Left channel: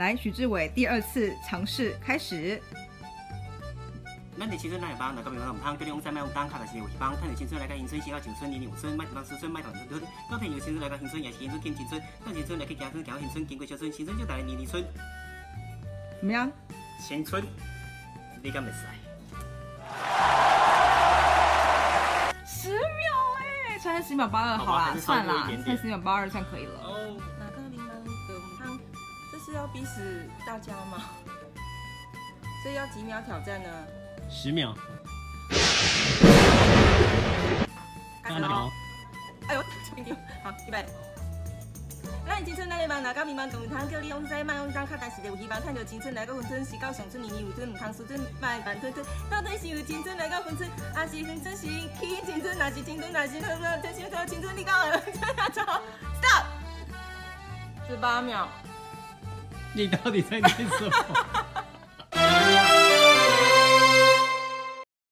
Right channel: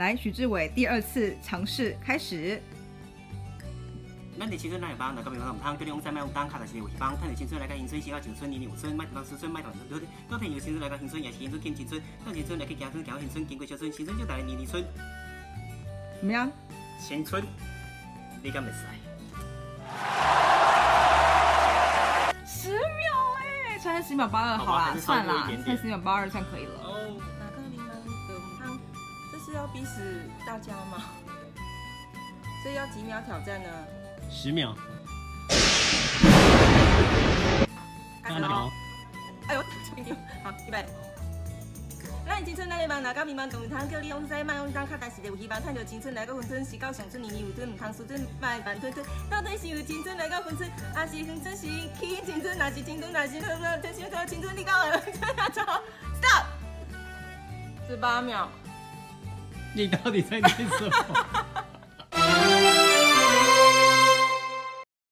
来，许志伟第2次尝试开始。咱的青春哪会帮？哪个平常唔通？叫你往西买往东，卡但是有希望。趁着青春来甲青春，先到青春，年年有春，莫当思春，莫当青春。到趁有青春来甲青春，也是青春见青春。到青春来去行春，行到青春，经过小春，青春就带来年年春。怎么样？青春，你敢袂使？10秒哎，才10秒82，好啦，算啦，才10秒82算可以了。哦，哪个柠檬的母汤？这是要逼死大家吗？这要几秒挑战呢？10秒。开始喽！哎呦，好，预备。咱青春来个梦，哪个迷茫，唔通叫你往西，莫往东，卡但是有希望。趁着青春来个分春，时到上春，年年有春，唔通输春，莫慢吞吞。到底是有青春来个分春，还是分春是去青春？若是青春，若是真心说青春，你讲的错。Stop。18秒。你到底在念什么？